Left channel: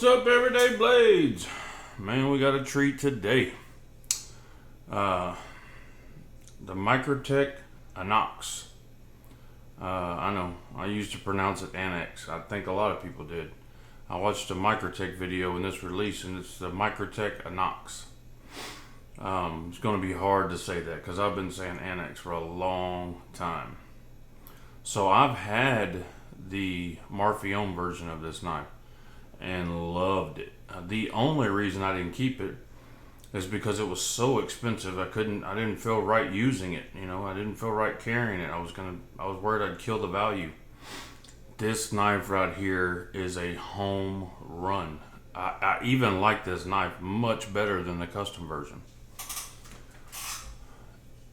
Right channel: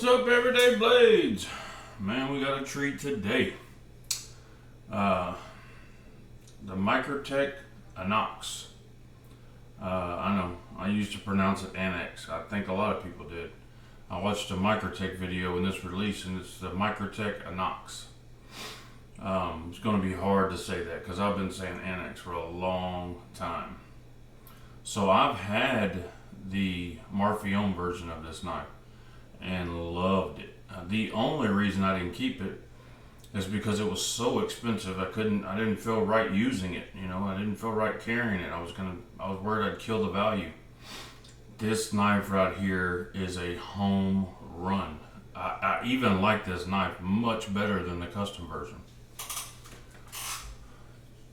What's up, Everyday Blades? Man, we got a treat today. The Microtech Anax. I know, I used to pronounce it Anax. I think a lot of people did. I watched a Microtech video in this release, and it's the Microtech Anax. It's going to be hard to say that because I've been saying Anax for a long time. So I've had the Marfion version of this knife and loved it. The only reason I didn't keep it is because it was so expensive. I didn't feel right using it. You know, I didn't feel right carrying it. I was worried I'd kill the value. This knife right here is a home run. I even like this knife much better than the custom version.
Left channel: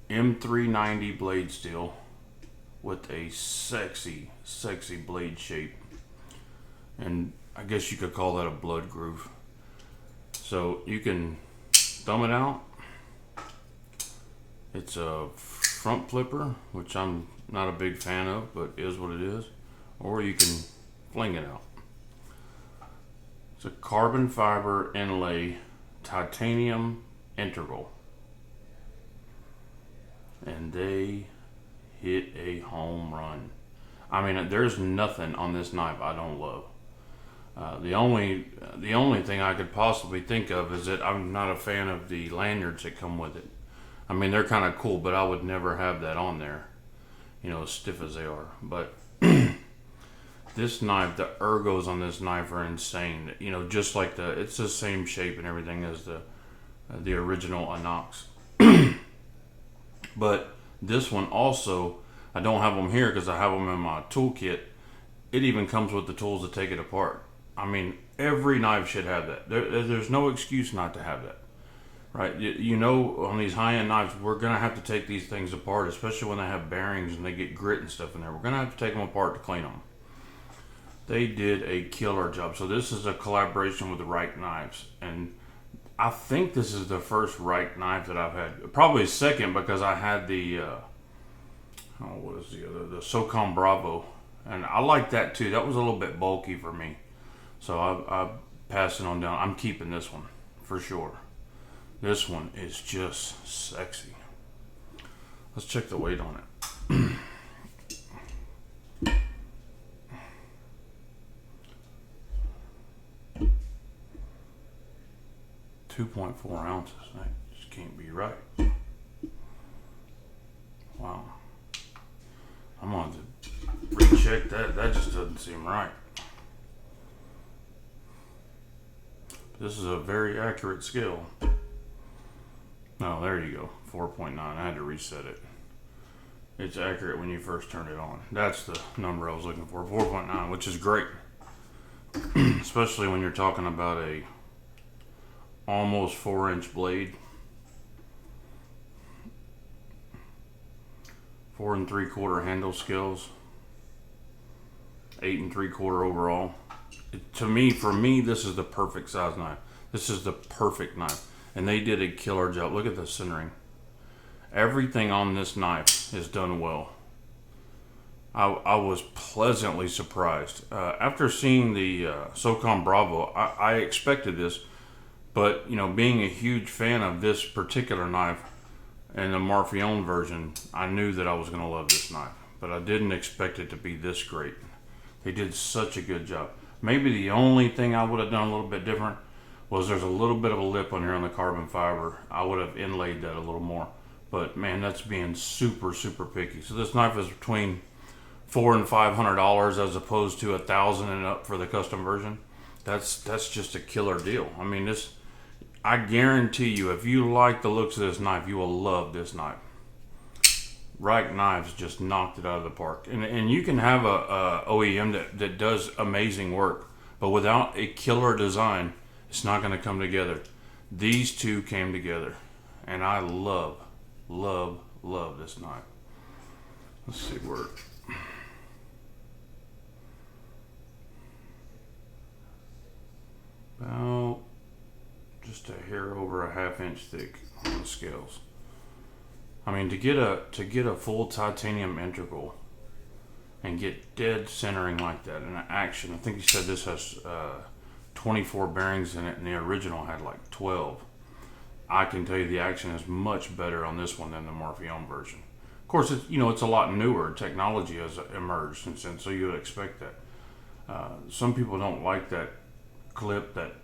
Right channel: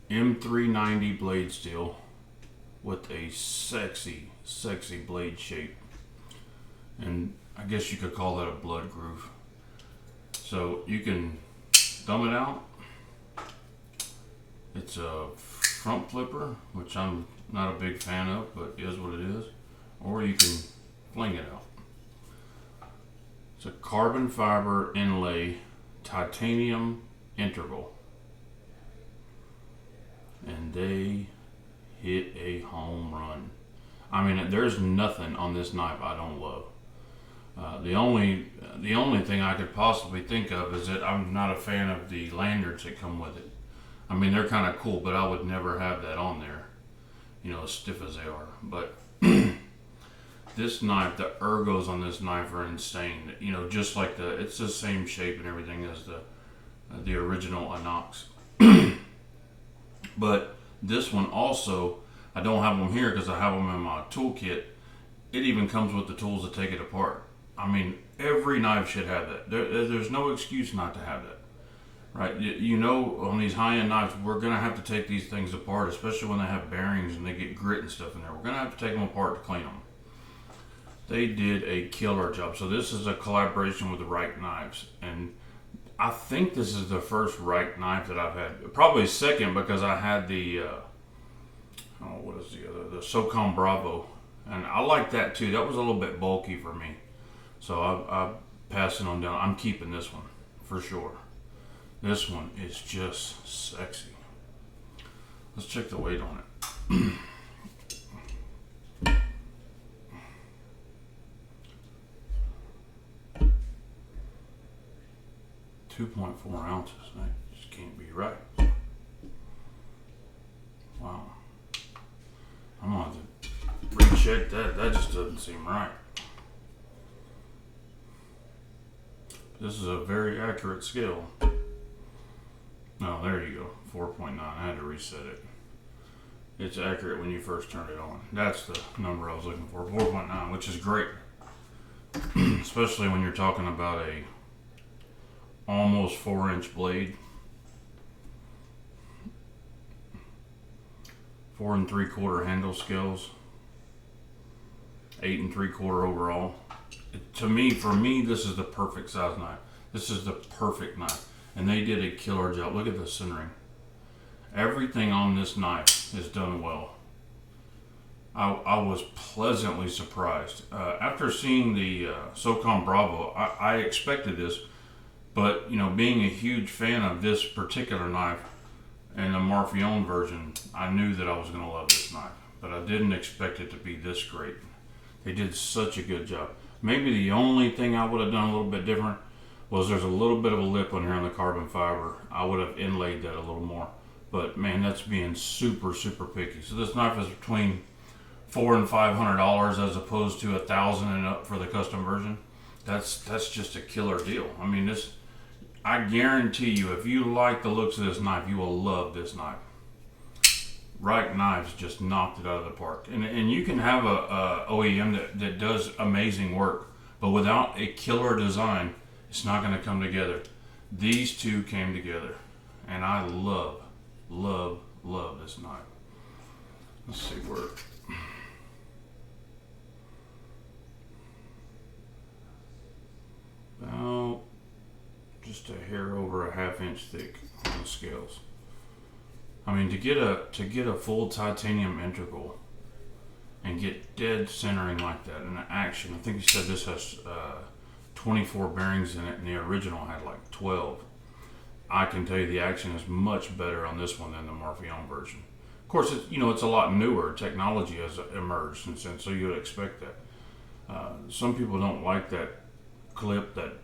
M390 blade steel with a sexy blade shape. And I guess you could call that a blood groove. So you can thumb it out. It's a front flipper, which I'm not a big fan of, but it is what it is. Or you can fling it out. It's a carbon fiber inlay titanium integral. And they hit a home run. I mean, there's nothing on this knife I don't love. The only thing I could possibly think of is that I'm not a fan of the lanyards that come with it. I mean, they're kind of cool, but I would never have that on there, you know, as stiff as they are. But this knife, the ergos on this knife are insane. You know, just like it's the same shape and everything as the original Anax. But this one also, I don't have them here because I have them in my toolkit. It even comes with the tools to take it apart. I mean, every knife should have that. There's no excuse not to have that, right? You know, on these high-end knives, we're going to have to take these things apart, especially when they have bearings and they get grit and stuff in there. We're going to have to take them apart to clean them. They did a killer job. So this is a collaboration with Right Knives, and I think this is the first Right knife that I've had. Probably second because I had the, what is the other? The SOCOM Bravo. And I like that too. That was a little bit bulky for me. So I'm passing on down. I'm keeping this one for sure. This one is just sexy. Let's check the weight on it. 2.4 ounces. That just can't be right. Wow. I'm gonna have to recheck that. That just doesn't seem right. This is a very accurate scale. Oh, there you go. 4.9. I had to reset it. It's accurate when you first turn it on. That's the number I was looking for. 4.9, which is great. Especially when you're talking about a almost 4-inch blade. 4 3/4 handle scales. 8 3/4 overall. For me, this is the perfect size knife. This is the perfect knife. And they did a killer job. Look at the centering. Everything on this knife is done well. I was pleasantly surprised. After seeing the SOCOM Bravo, I expected this. But, you know, being a huge fan of this particular knife and the Marfion version, I knew that I was going to love this knife. But I didn't expect it to be this great. They did such a good job. Maybe the only thing I would have done a little bit different was there's a little bit of a lip on here on the carbon fiber. I would have inlaid that a little more. But man, that's being super picky. So this knife is between $400 and $500 as opposed to $1,000 and up for the custom version. That's just a killer deal. I mean, I guarantee you, if you like the looks of this knife, you will love this knife. Right Knives just knocked it out of the park. And you can have a OEM that does amazing work, but without a killer design, it's not going to come together. These two came together, and I love this knife. Let's see where. About just a hair over a 1/2 inch thick on the scales. I mean, to get a full titanium integral and get dead centering like that in action. I think he said this has 24 bearings in it, and the original had like 12. I can tell you the action is much better on this one than the Morpheone version. Of course, it's a lot newer. Technology has emerged since then, so you would expect that. Some people don't like that clip, that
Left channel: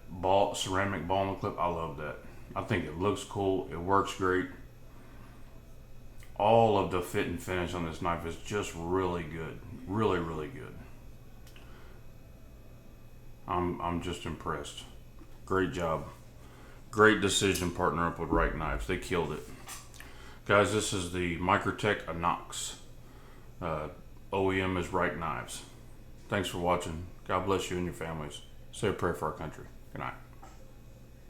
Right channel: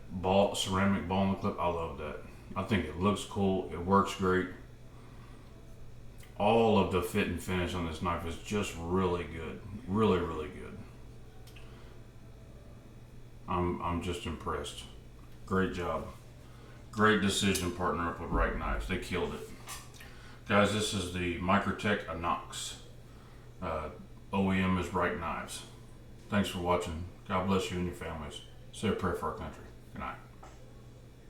ceramic ball and clip. I love that. I think it looks cool. It works great. All of the fit and finish on this knife is just really good. Really, really good. I'm just impressed. Great job. Great decision partner up with Right Knives. They killed it. Guys, this is the Microtech Anax. OEM is Right Knives. Thanks for watching. God bless you and your families. Say a prayer for our country. Good night.